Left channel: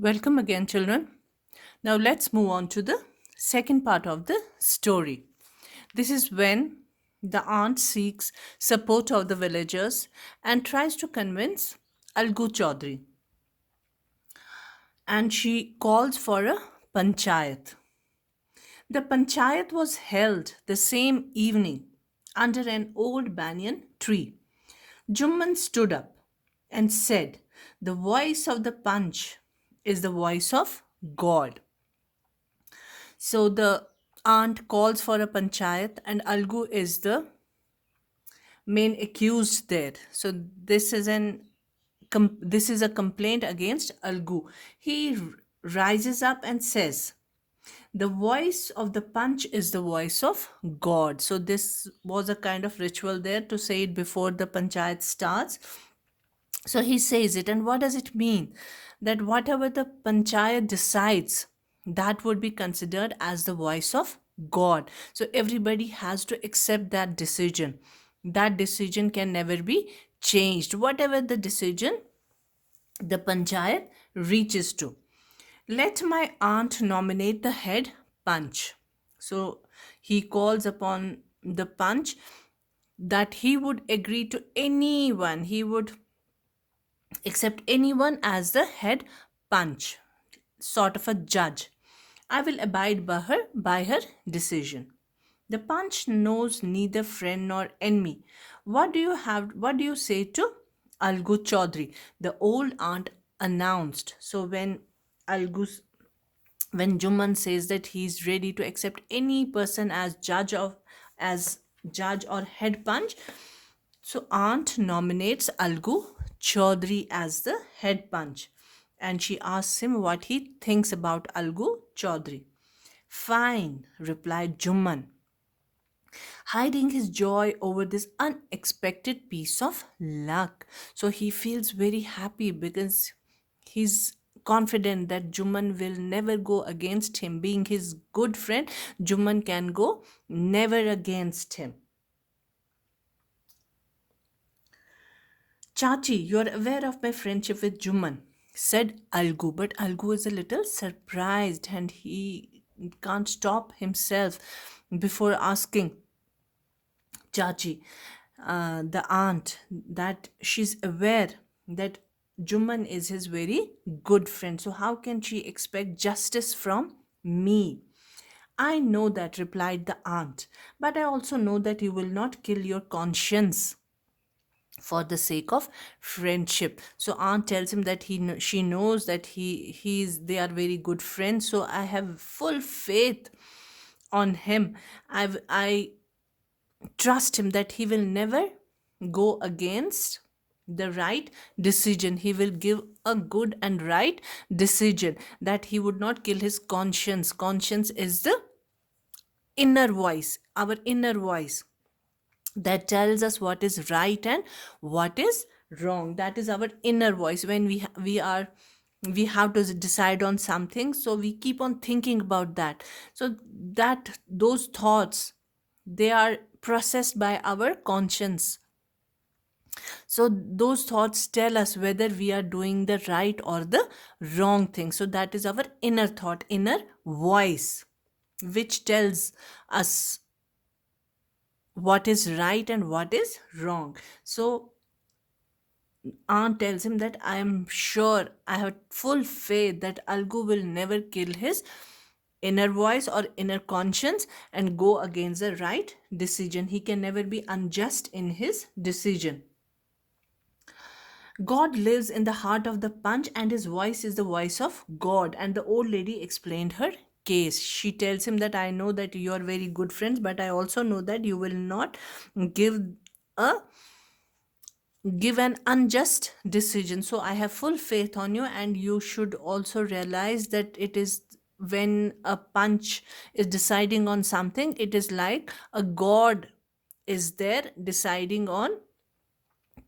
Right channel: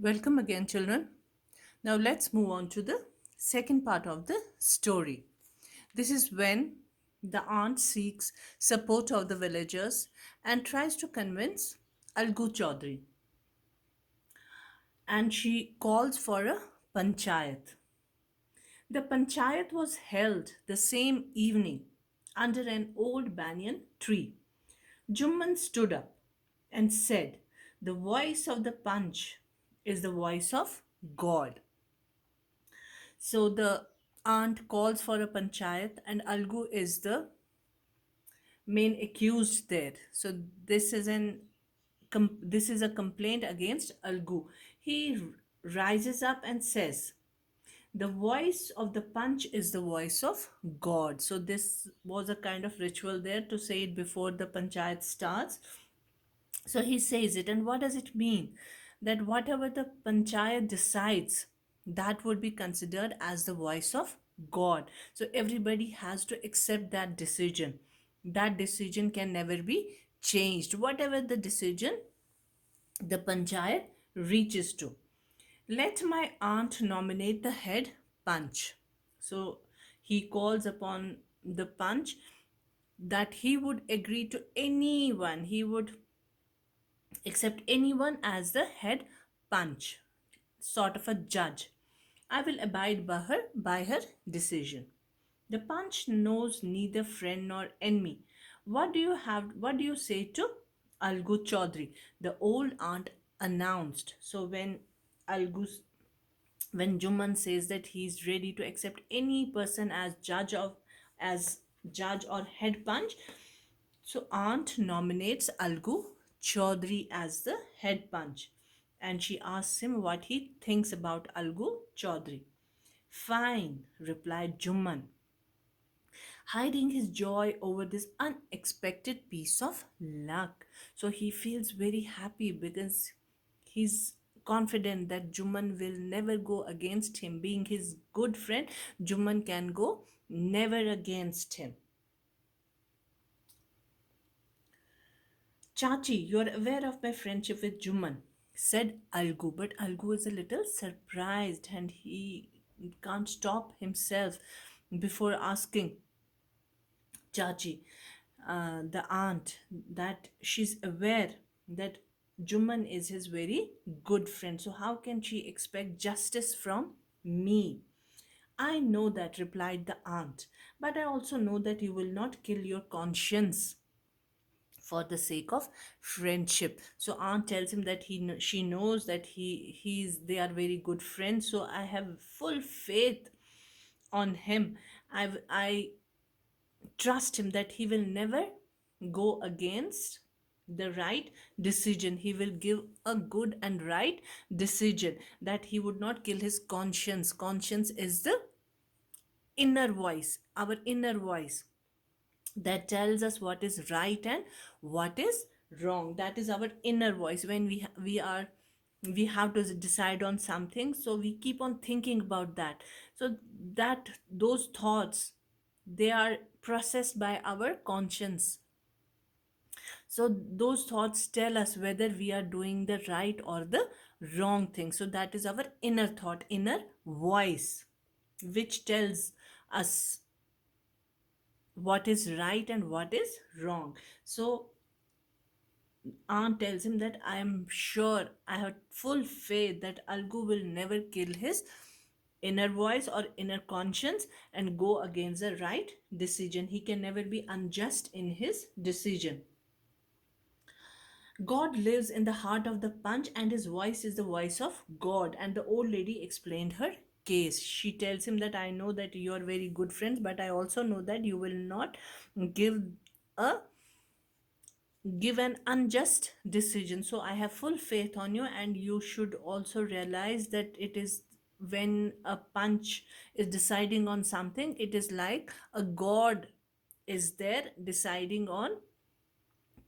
Welcome again, children. Now let's move on to the second part of the story. This is when the aunt seeks support of the villagers and tries to convince Algu Chaudhary, and she calls for a panchayat. The panchayat was held the same evening under an old banyan tree. Jumman stood up and said, "The voice of the Panch is the voice of God." So the aunt calls for a panchayat, and Algu is the main accused there. So this is this is a complaint against Algu. He rises up and says, "The voice of the Panch is the voice of God." So this was a kind of ritual there to say it before the panchayat starts. So he says it, and what does it mean? That whatever the panchayat decides, that would be considered as the voice of God. So everybody has to accept that decision. That decision can never be changed, whatever the decision the panchayat reaches to. Let my aunt nominate the head panch. So he calls upon the panch that he would agree to anyone, he would accept anyone as the head punch, sort of a judge. I will abide by her decision. The punch knows neither friend nor enemy. What do you say to Algu Chaudhary? The old aunt announced. So when Juman says that he's ready to accept any person as judge or head punch, so aunt nominates Algu Chaudhary as the head punch, and she asks him what he thinks about Algu Chaudhary. Fine, replied Jumman, hiding his joy over this unexpected piece of luck. So he feels very happy because he's confident that Juman will never go against him. Being his good friend, Juman can go never against him. Chachi, you're aware of my friendship with Juman, said Algu. But Algu is a little surprised and he can't stop himself before asking Chachi, the aunt, that she's aware that Juman is his very good friend. So, how can she expect justice from me? I know that, replied the aunt, but I also know that you will not kill your conscience for the sake of friendship. So aunt tells him that she knows that he's they are very good friends, so I have full faith on him. I trust him that he will never go against the right decision. He will give a good and right decision, that he would not kill his conscience. Conscience is the inner voice, our inner voice that tells us what is right and what is wrong. That is our inner voice. When we have to decide on something, so we keep on thinking about that. So that those thoughts, they are processed by our conscience. So those thoughts tell us whether we are doing the right or the wrong thing. So that is our inner thought, inner voice, which tells us what is right and what is wrong. So aunt tells him that I am sure, I have full faith that Algu will never kill his inner voice or inner conscience and go against the right decision. He can never be unjust in his decision. God lives in the heart of the punch, and his voice is the voice of God. And the old lady explained her case. She tells him that I know that you are very good friends, but I also know that you will not give a give an unjust decision. So I have full faith on you, and you should also realize that it is when a punch is deciding on something, it is like a god is there deciding on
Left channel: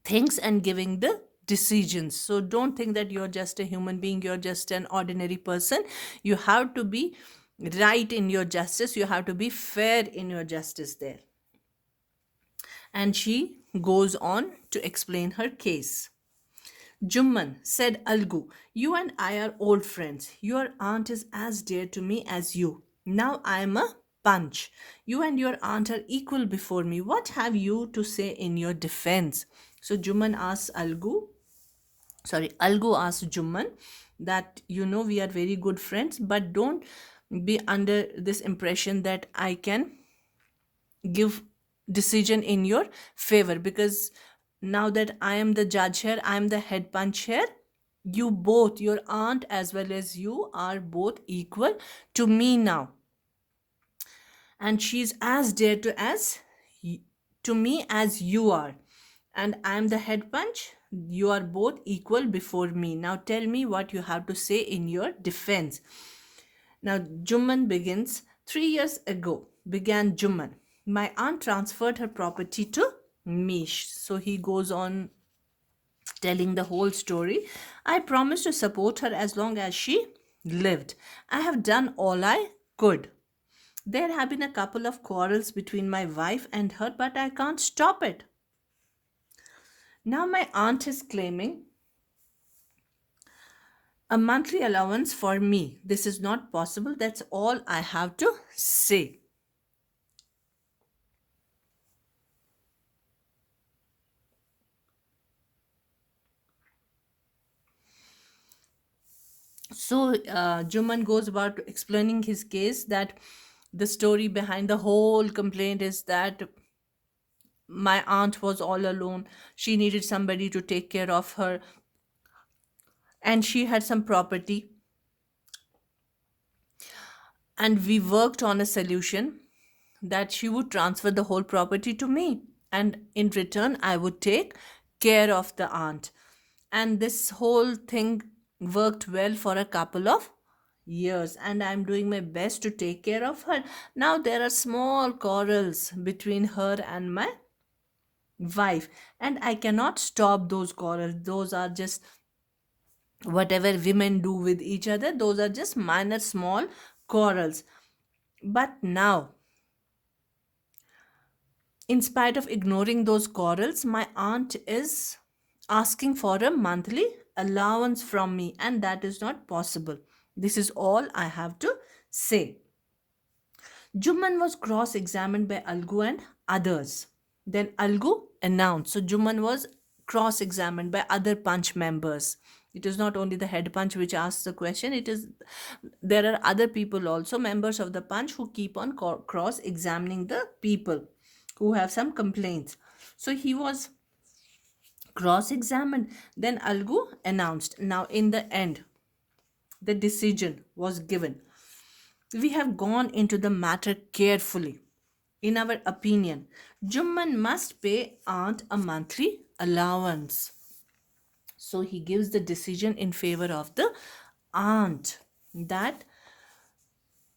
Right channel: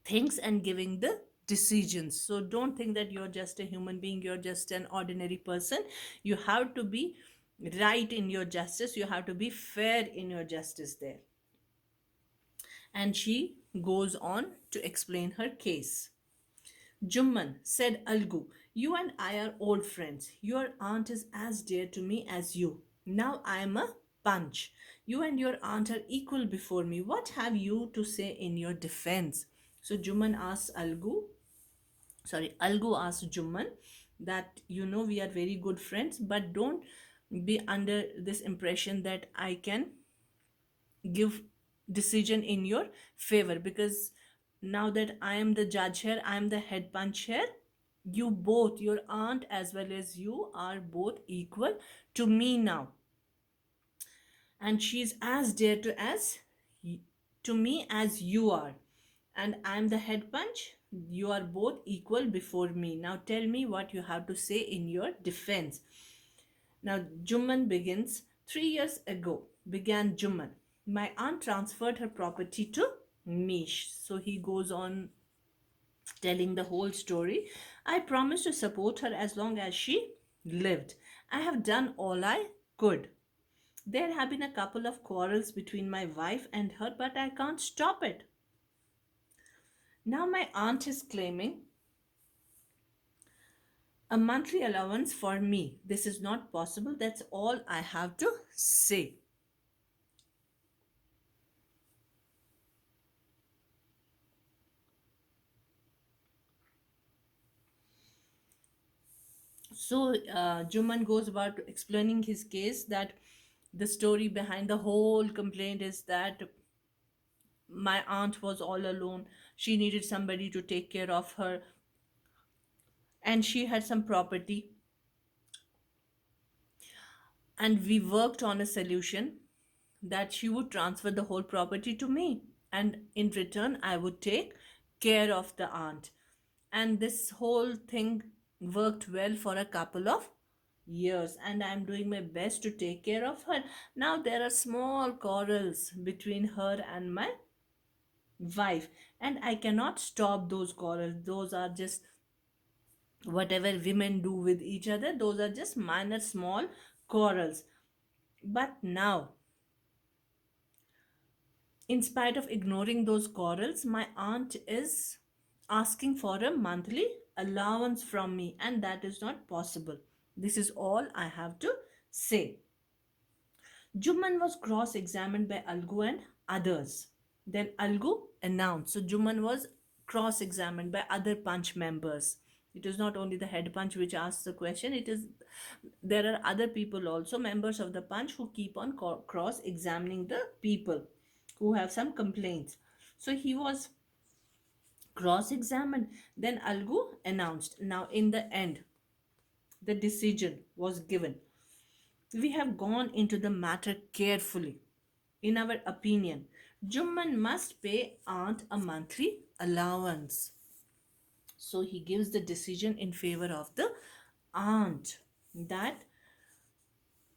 things and giving the decisions. So don't think that you're just a human being, you're just an ordinary person. You have to be right in your justice, you have to be fair in your justice there. And she goes on to explain her case. Jumman, said Algu, you and I are old friends. Your aunt is as dear to me as you. Now I am a punch. You and your aunt are equal before me. What have you to say in your defense? So Jumman asks Algu asks Jumman that we are very good friends, but don't be under this impression that I can give decision in your favor, because now that I am the judge here, I am the head punch here. You both, your aunt as well as you, are both equal to me now, and she's as dear to me as you are, and I'm the head punch. You are both equal before me. Now tell me what you have to say in your defense. Now Jumman begins. 3 years ago, began Jumman, my aunt transferred her property to me. So he goes on telling the whole story. I promised to support her as long as she lived. I have done all I could. There have been a couple of quarrels between my wife and her, but I can't stop it. Now my aunt is claiming a monthly allowance for me. This is not possible. That's all I have to say. So Juman goes about explaining his case, that the story behind the whole complaint is that my aunt was all alone. She needed somebody to take care of her, and she had some property, and we worked on a solution that she would transfer the whole property to me, and in return I would take care of the aunt. And this whole thing worked well for a couple of years, and I'm doing my best to take care of her. Now there are small quarrels between her and my wife, and I cannot stop those quarrels. Those are just whatever women do with each other, those are just minor small quarrels. But now, in spite of ignoring those quarrels, my aunt is asking for a monthly allowance from me, and that is not possible. This is all I have to say. Jumman was cross examined by Algu and others. Then Algu announced. So Jumman was cross examined by other punch members. It is not only the head punch which asks the question, it is there are other people also, members of the punch, who keep on cross examining the people who have some complaints. So he was cross examined. Then Algu announced. Now, in the end, the decision was given. We have gone into the matter carefully. In our opinion, Jumman must pay aunt a monthly allowance. So he gives the decision in favor of the aunt, that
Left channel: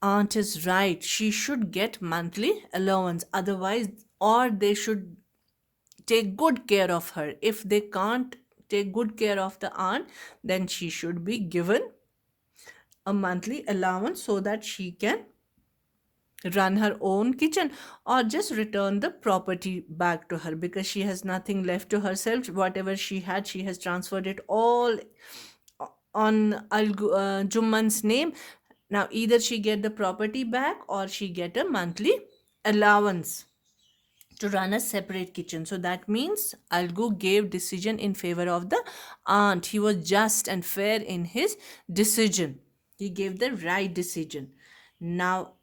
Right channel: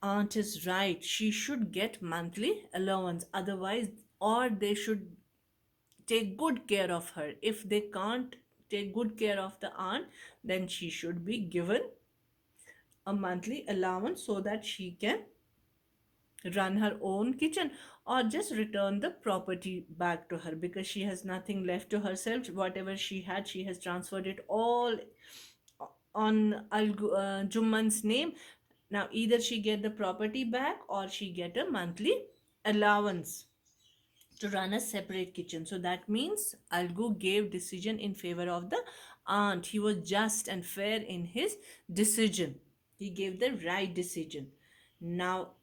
aunt is right. She should get monthly allowance. Otherwise, or they should take good care of her. If they can't take good care of the aunt, then she should be given a monthly allowance so that she can run her own kitchen, or just return the property back to her, because she has nothing left to herself. Whatever she had, she has transferred it all on Jumman's name. Now either she get the property back, or she get a monthly allowance to run a separate kitchen. So that means Algu gave decision in favor of the aunt. He was just and fair in his decision. He gave the right decision. Now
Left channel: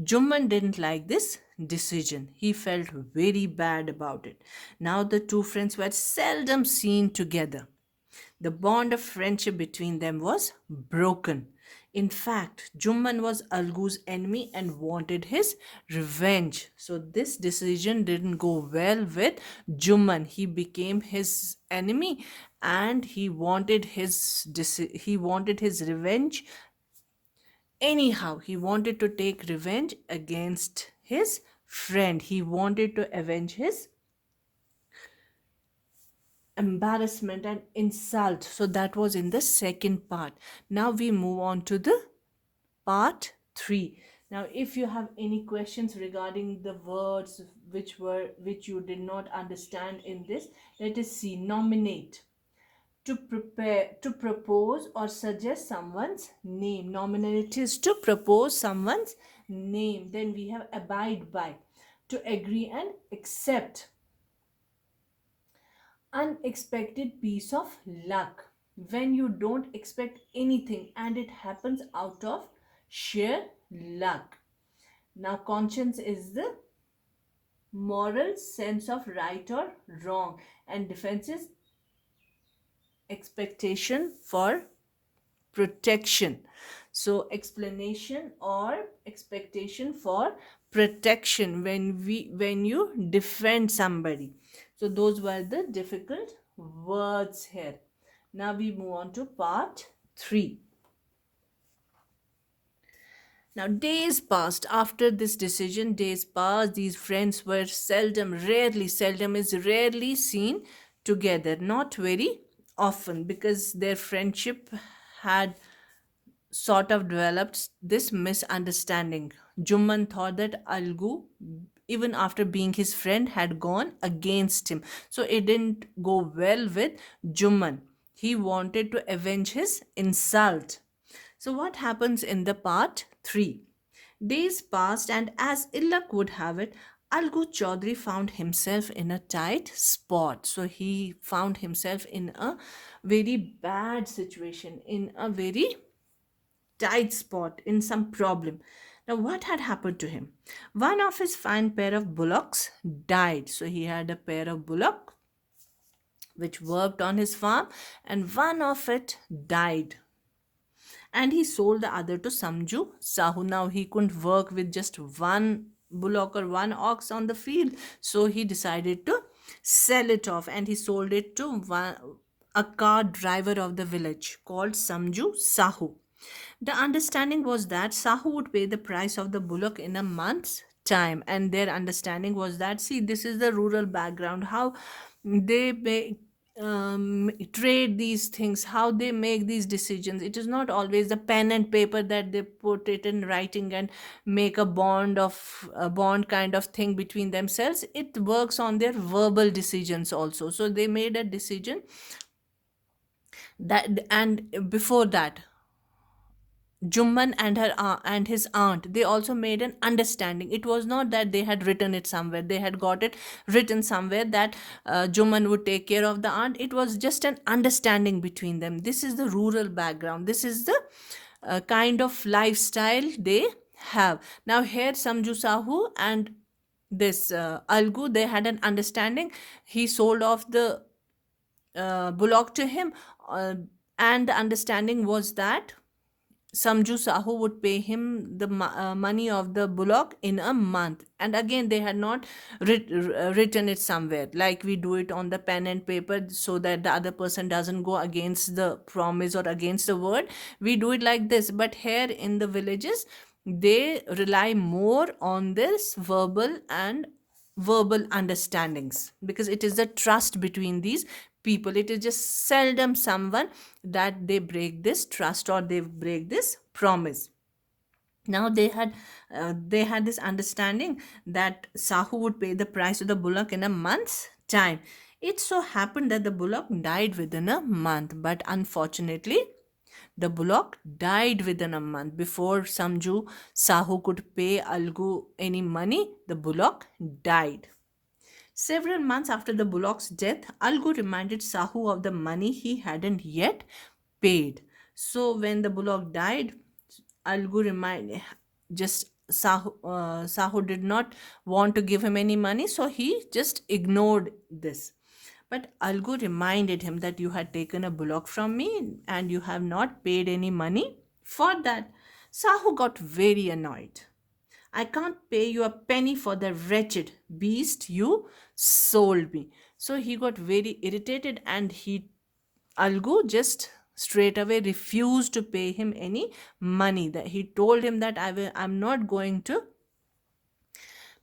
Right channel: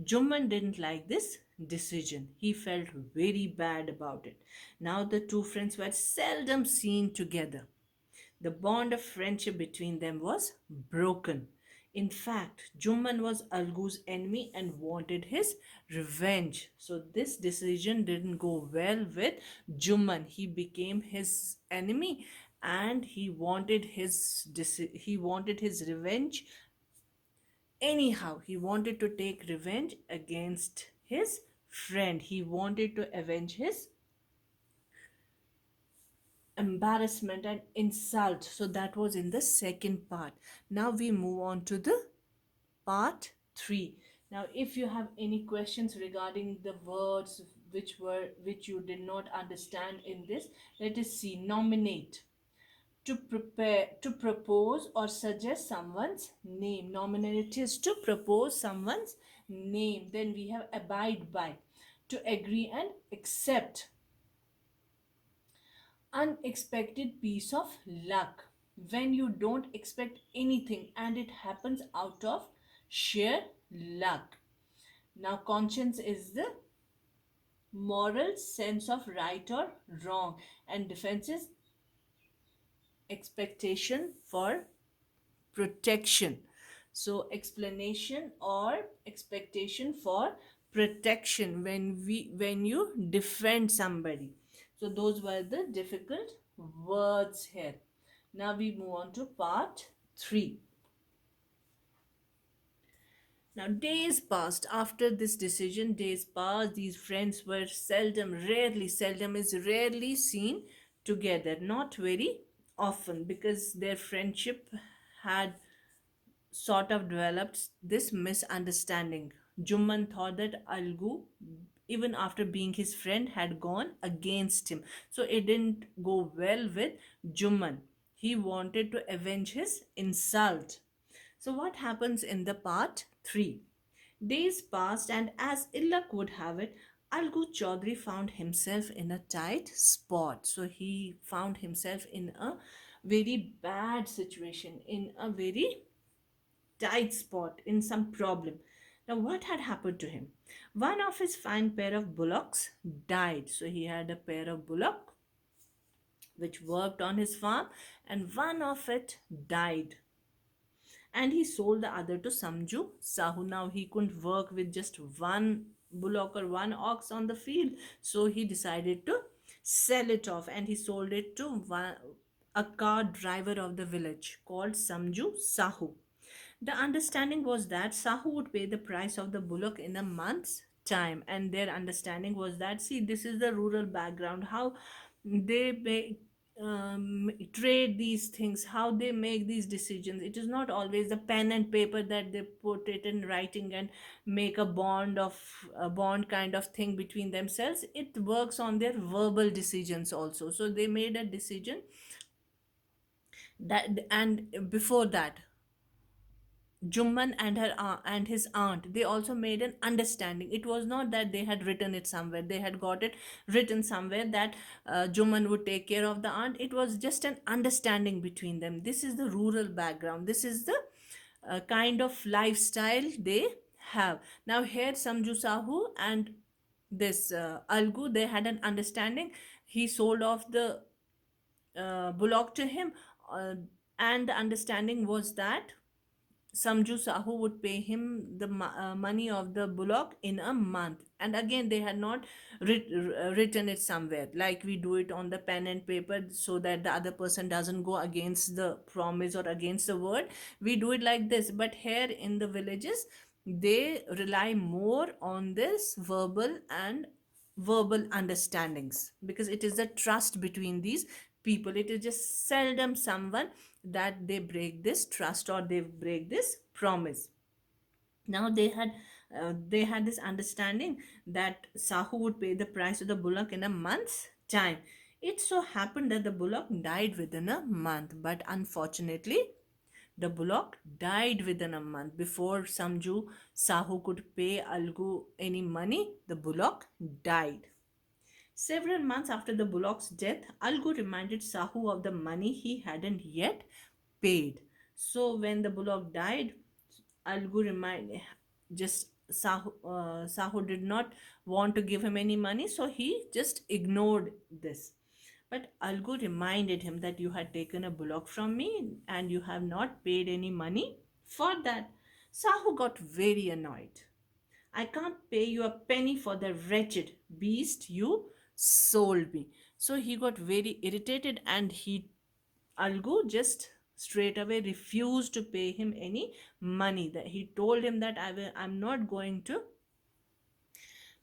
Jumman didn't like this decision. He felt very bad about it. Now the two friends were seldom seen together. The bond of friendship between them was broken. In fact, Jumman was Algu's enemy and wanted his revenge. So this decision didn't go well with Jumman. He became his enemy, and he wanted his revenge. Anyhow, he wanted to take revenge against his friend. He wanted to avenge his embarrassment and insult. So that was in the second part. Now we move on to the part 3. Now if you have any questions regarding the words which you did not understand in this, let us see. Nominate. to prepare, to propose or suggest someone's name. Nominality is to propose someone's name. Then we have abide by, to agree and accept. Unexpected piece of luck, when you don't expect anything and it happens out of sheer luck. Now conscience is the moral sense of right or wrong, and defense is expectation for protection. So explanation or expectation for protection, when you defend somebody. So those were the difficult words here. Now we move on to part 3. Now, days passed after this decision. Days passed. These friends were seldom is rarely seen together. Not very often, because their friendship had sort of developed this misunderstanding. Jumman thought that Algu, even after being his friend, had gone against him. So it didn't go well with Jumman. He wanted to avenge his insult. So, what happens in the part 3? Days passed, and as ill luck would have it, Algu Chaudhary found himself in a tight spot. So, he found himself in a very bad situation, in a very tight spot, in some problem. Now, what had happened to him? One of his fine pair of bullocks died. So, he had a pair of bullocks which worked on his farm, and one of it died, and he sold the other to Samju Sahu. Now he couldn't work with just one bullock or one ox on the field, so he decided to sell it off, and he sold it to a car driver of the village called Samju Sahu. The understanding was that Sahu would pay the price of the bullock in a month's time, and their understanding was that, see, this is the rural background, how they trade these things, how they make these decisions. It is not always the pen and paper that they put it in writing and make a bond kind of thing between themselves. It works on their verbal decisions also. So they made a decision that, and before that, Jumman and and his aunt, they also made an understanding. It was not that they had written it somewhere. They had got it written somewhere that Jumman would take care of the aunt. It was just an understanding between them. This is the rural background. This is the kind of lifestyle they have. Now here Samju Sahu and this Algu, they had an understanding. He sold off the bullock to him, uh, and the understanding was that Samju Sahu would pay him the money of the bullock in a month. And again, they had not written it somewhere like we do it on the pen and paper, so that the other person doesn't go against the promise or against the word. We do it like this. But here in the villages, they rely more on this verbal understandings, because it is the trust between these people. It is just seldom someone that they break this trust or they break this promise. Now they had this understanding that Sahu would pay the price of the bullock in a month's time. It so happened that the bullock died within a month, but unfortunately the bullock died within a month. Before Samju Sahu could pay Algu any money, the bullock died. Several months after the bullock's death, Algu reminded Sahu of the money he hadn't yet paid. So when the bullock died, Algu reminded just Sahu did not want to give him any money, so he just ignored this. But Algu reminded him that you had taken a bullock from me and you have not paid any money for that. Sahu got very annoyed. I can't pay you a penny for the wretched beast you sold me. So he got very irritated, and Algu just straight away refused to pay him any money. That he told him that I'm not going to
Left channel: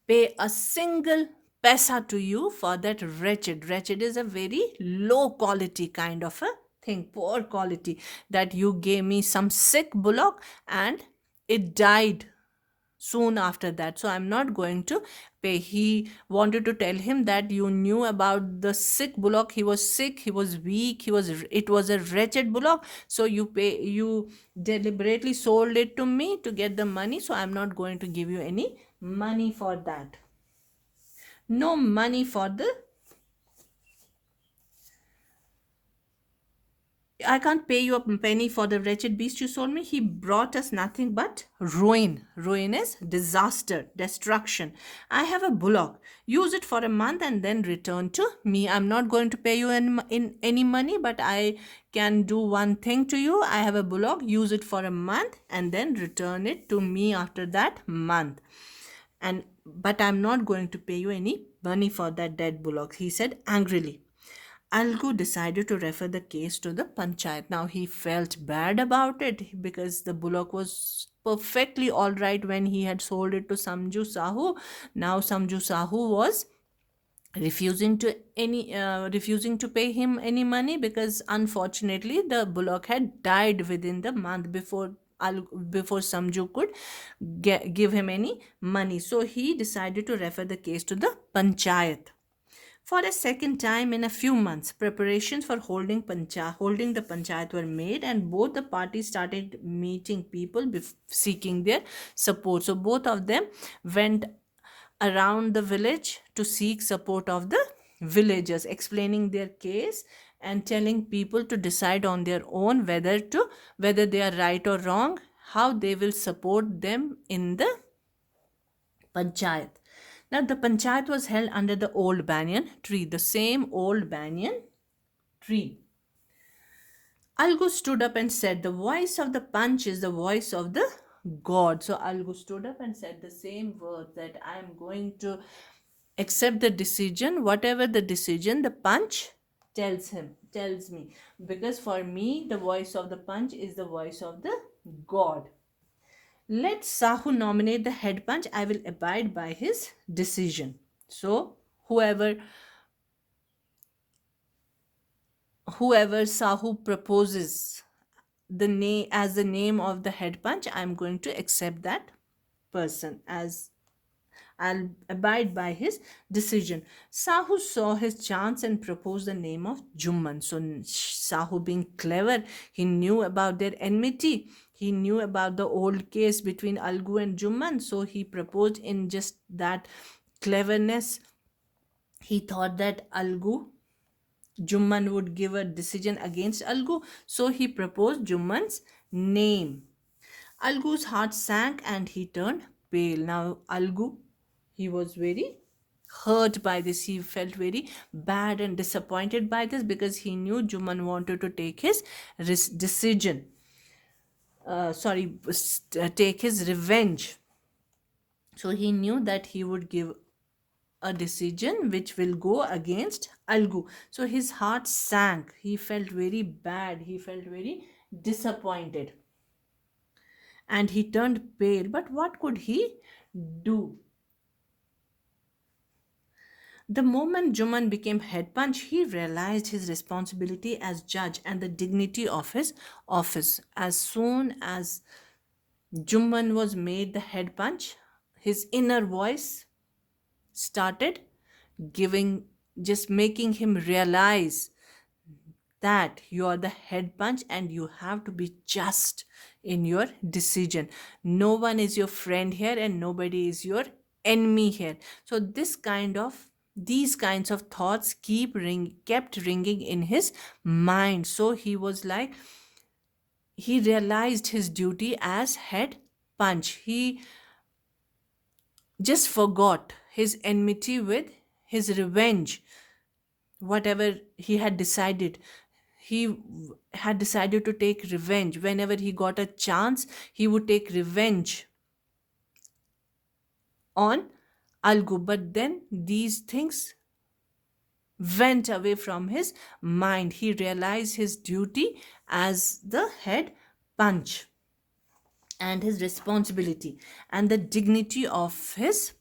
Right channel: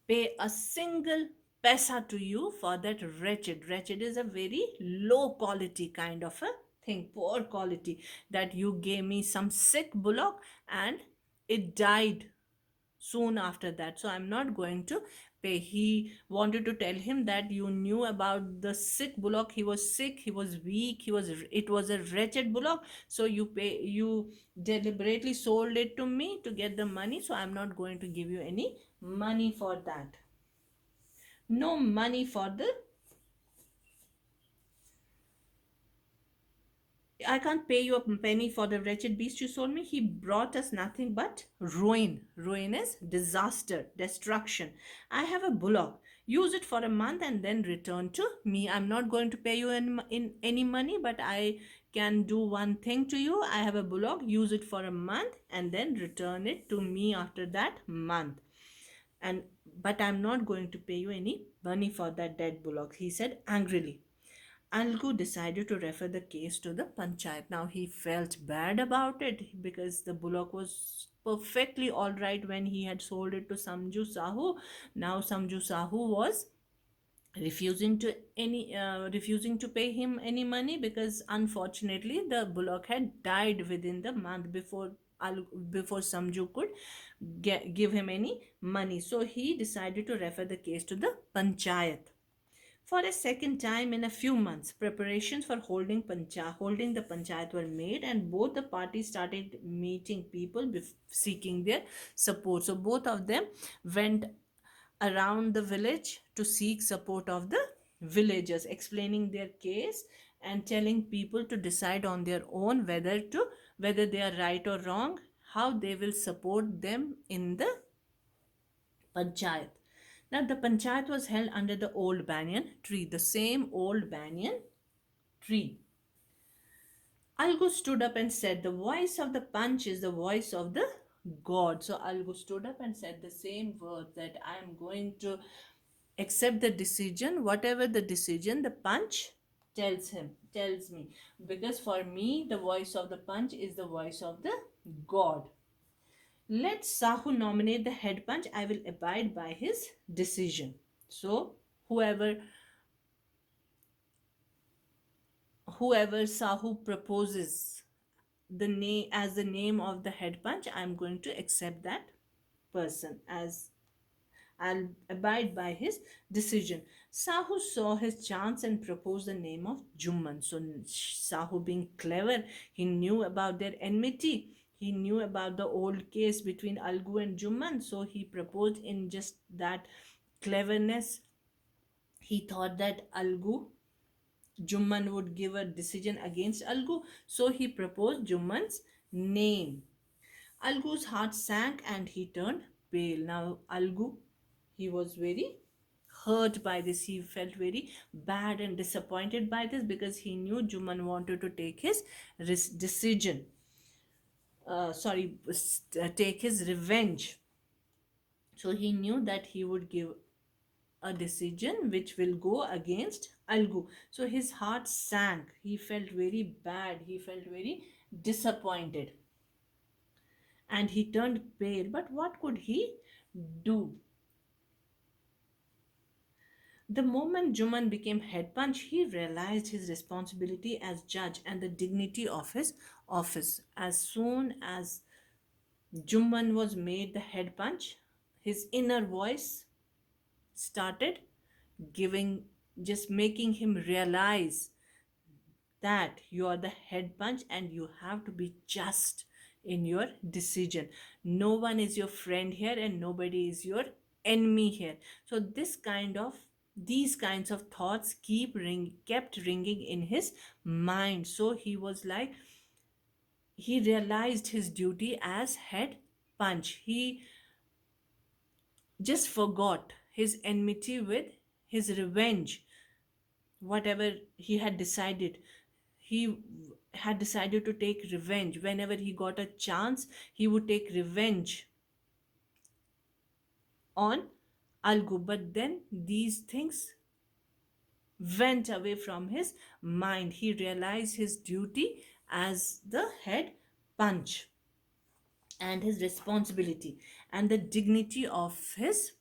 pay a single paisa to you for that wretched. Wretched is a very low quality kind of a thing, poor quality, that you gave me some sick bullock and it died soon after that, so I'm not going to pay. He wanted to tell him that you knew about the sick bullock. He was sick, he was weak, it was a wretched bullock, so you deliberately sold it to me to get the money, so I'm not going to give you any money for that. No money for the I can't pay you a penny for the wretched beast you sold me. He brought us nothing but ruin. Ruin is disaster, destruction. I have a bullock. Use it for a month and then return to me. I'm not going to pay you in any money, but I can do one thing to you. I have a bullock. Use it for a month and then return it to me after that month. And but I'm not going to pay you any money for that dead bullock, he said angrily. Algu decided to refer the case to the panchayat. Now he felt bad about it because the bullock was perfectly all right when he had sold it to Samju Sahu. Now Samju Sahu was refusing to pay him any money because unfortunately the bullock had died within the month before Samju could give him any money. So he decided to refer the case to the panchayat. For a second time in a few months, preparations for holding the panchayat were made, and both the parties started meeting people seeking their support. So both of them went around the village to seek support of the villagers, explaining their case and telling people to decide on their own whether they are right or wrong, how they will support them in the panchayat. Now, the panchayat was held under the old banyan tree, the same old banyan tree. Algu stood up and said, the voice of the Panch is the voice of the God. So, Algu stood up and said the same words that I am going to accept the decision, whatever the decision the Panch tells me. Because for me, the voice of the Panch is the voice of the God. Let Sahu nominate the head punch. I will abide by his decision. So, whoever Sahu proposes the name as the name of the head punch, I'm going to accept that person as I'll abide by his decision. Sahu saw his chance and proposed the name of Jumman. So Sahu, being clever, he knew about their enmity. He knew about the old case between Algu and Jumman. So he proposed in just that cleverness. He thought that Jumman would give a decision against Algu. So he proposed Jumman's name. Algu's heart sank and he turned pale. Now, Algu, he was very hurt by this. He felt very bad and disappointed by this because he knew Juman wanted to take his decision. Take his revenge. So he knew that he would give a decision which will go against Algu. So his heart sank. He felt very bad. He felt very disappointed. And he turned pale. But what could he do? The moment Juman became head punch, he realized his responsibility as judge and the dignity of his office. As soon as Juman was made the head punch, his inner voice started giving, just making him realize that you are the head punch and you have to be just in your decision. No one is your friend here and nobody is your enemy here. So these kinds of thoughts kept ringing in his mind. So he realized his duty as head punch. He just forgot his enmity with his revenge, whatever he had decided. He had decided to take revenge. Whenever he got a chance, he would take revenge on Algu. But then these things went away from his mind. He realized his duty as the head punch and his responsibility and the dignity of his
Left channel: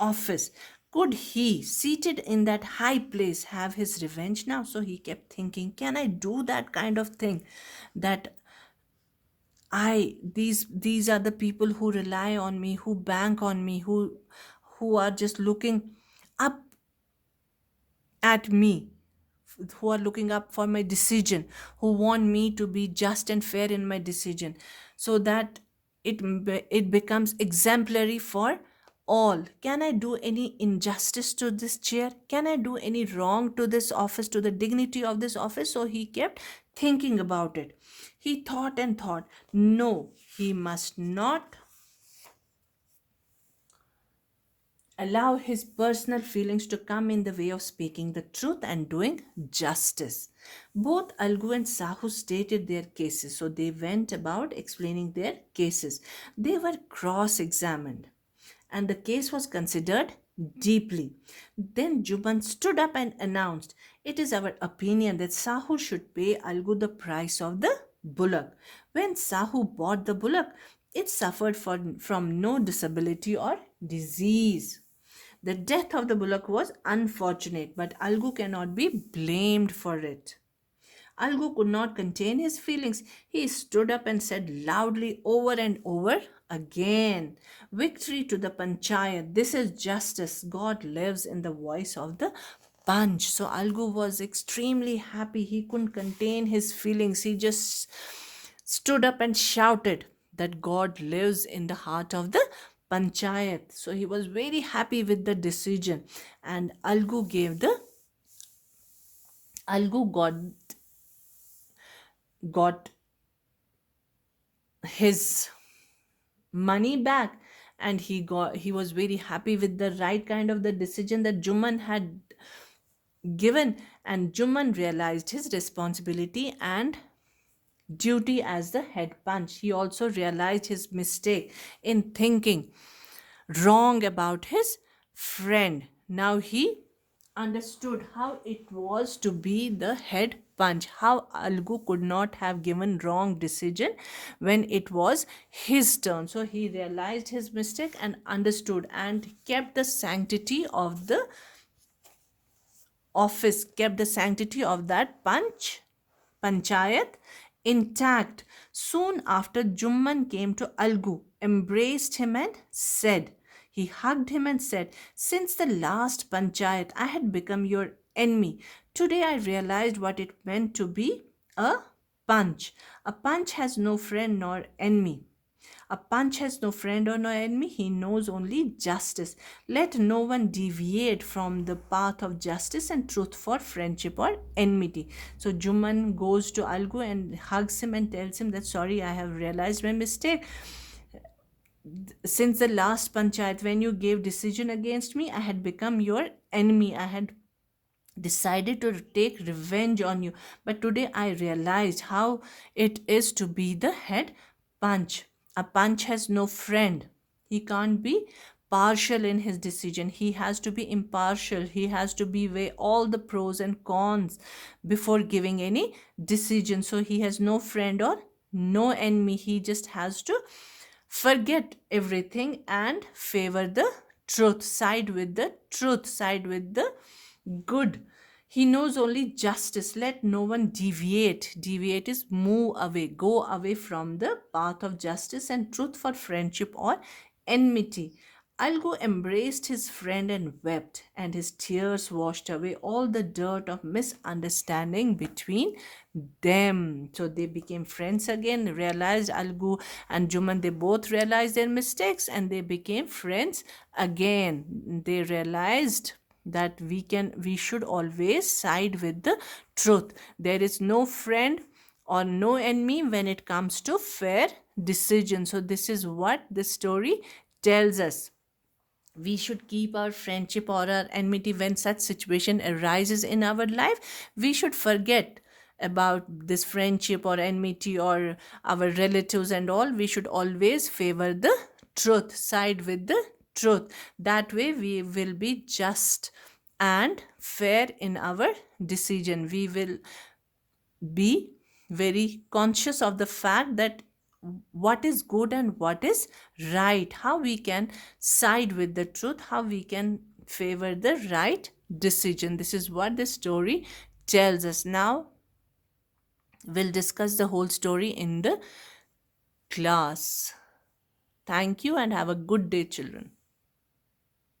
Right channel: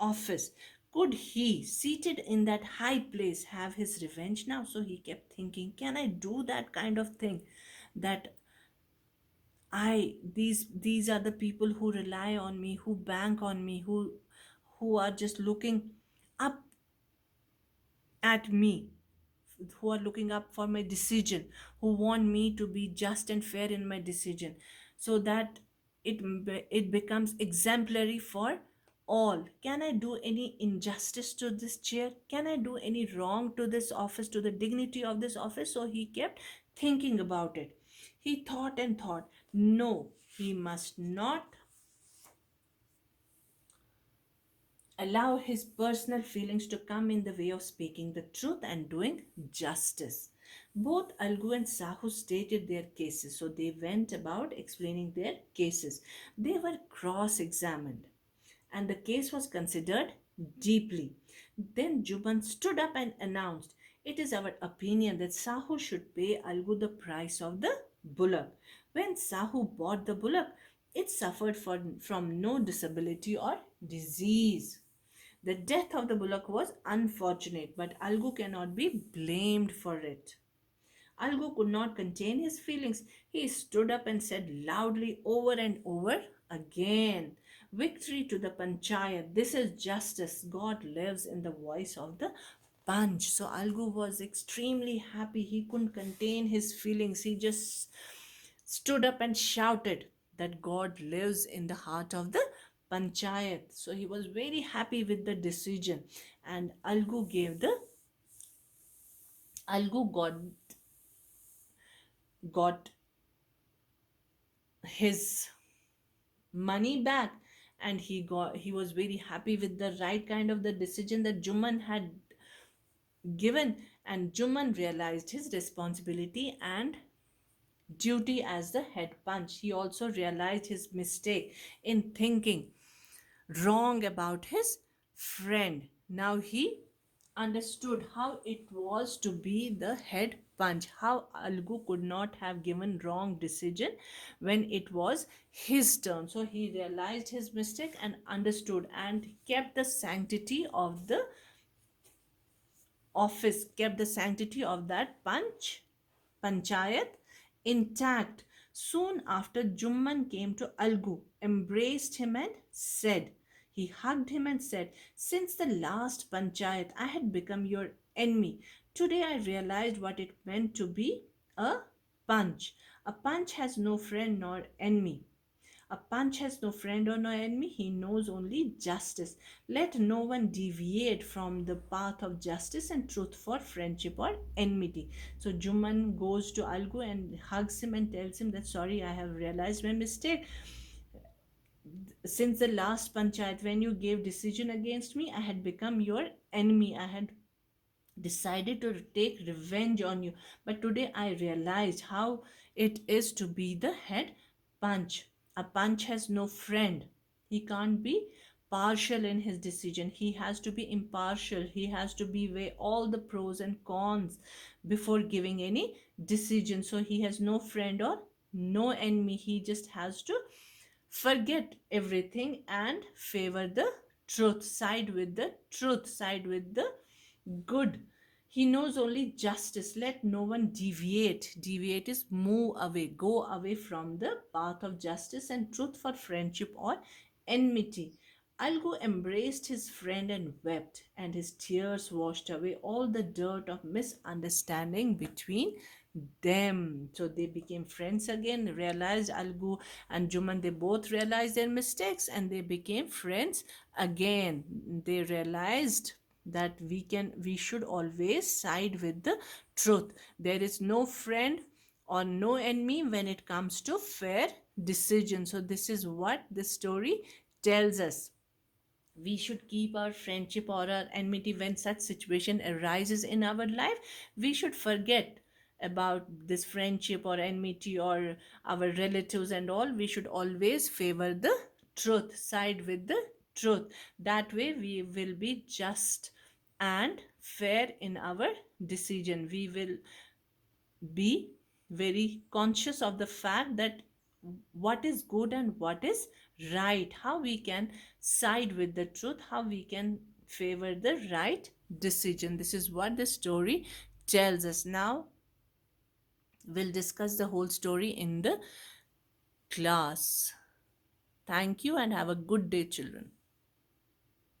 office. Could he, seated in that high place, have his revenge now? So he kept thinking, can I do that kind of thing that These are the people who rely on me, who bank on me, who are just looking up at me, who are looking up for my decision, who want me to be just and fair in my decision, so that it becomes exemplary for all. Can I do any injustice to this chair? Can I do any wrong to this office, to the dignity of this office? So he kept thinking about it. He thought and thought. No, he must not allow his personal feelings to come in the way of speaking the truth and doing justice. Both Algu and Sahu stated their cases, so they went about explaining their cases. They were cross examined and the case was considered deeply. Then Juban stood up and announced, "It is our opinion that Sahu should pay Algu the price of the bullock. When Sahu bought the bullock, it suffered from no disability or disease. The death of the bullock was unfortunate, but Algu cannot be blamed for it." Algu could not contain his feelings. He stood up and said loudly over and over again, "Victory to the Panchayat. This is justice. God lives in the voice of the punch." So Algu was extremely happy. He couldn't contain his feelings. He just stood up and shouted that God lives in the heart of the Panchayat. So he was very happy with the decision. And Algu got his money back, and he was very happy with the right kind of the decision that Juman had given. And Juman realized his responsibility and duty as the head punch. He also realized his mistake in thinking wrong about his friend. Now he understood how it was to be the head punch, how Algu could not have given wrong decision when it was his turn. So he realized his mistake and understood and kept the sanctity of the office, kept the sanctity of that panchayat intact. Soon after, Jumman came to Algu, embraced him and said, he hugged him and said, "Since the last panchayat, I had become your enemy. Today I realized what it meant to be a punch. A punch has no friend nor enemy. A punch has no friend or no enemy. He knows only justice. Let no one deviate from the path of justice and truth for friendship or enmity." So Juman goes to Algu and hugs him and tells him that, "Sorry, I have realized my mistake. Since the last panchayat, when you gave decision against me, I had become your enemy. I had decided to take revenge on you. But today I realized how it is to be the head punch. A punch has no friend. He can't be partial in his decision. He has to be impartial. He has to be weigh all the pros and cons before giving any decision. So he has no friend or no enemy. He just has to forget everything and favor the truth, side with the truth, side with the good. He knows only justice. Let no one deviate. Deviate is move away, go away from the path of justice and truth for friendship or enmity." Algo embraced his friend and wept, and his tears washed away all the dirt of misunderstanding between them. So they became friends again, realized Algu and Juman, they both realized their mistakes and they became friends again. They realized that we should always side with the truth. There is no friend or no enemy when it comes to fair decision. So this is what this story tells us. We should keep our friendship or our enmity when such situation arises in our life. We should forget about this friendship or enmity or our relatives and all. We should always favor the truth, side with the truth. That way we will be just and fair in our decision. We will be very conscious of the fact that what is good and what is right, how we can side with the truth, how we can favor the right decision. This is what the story tells us. Now we'll discuss the whole story in the Class. Thank you and have a good day, children.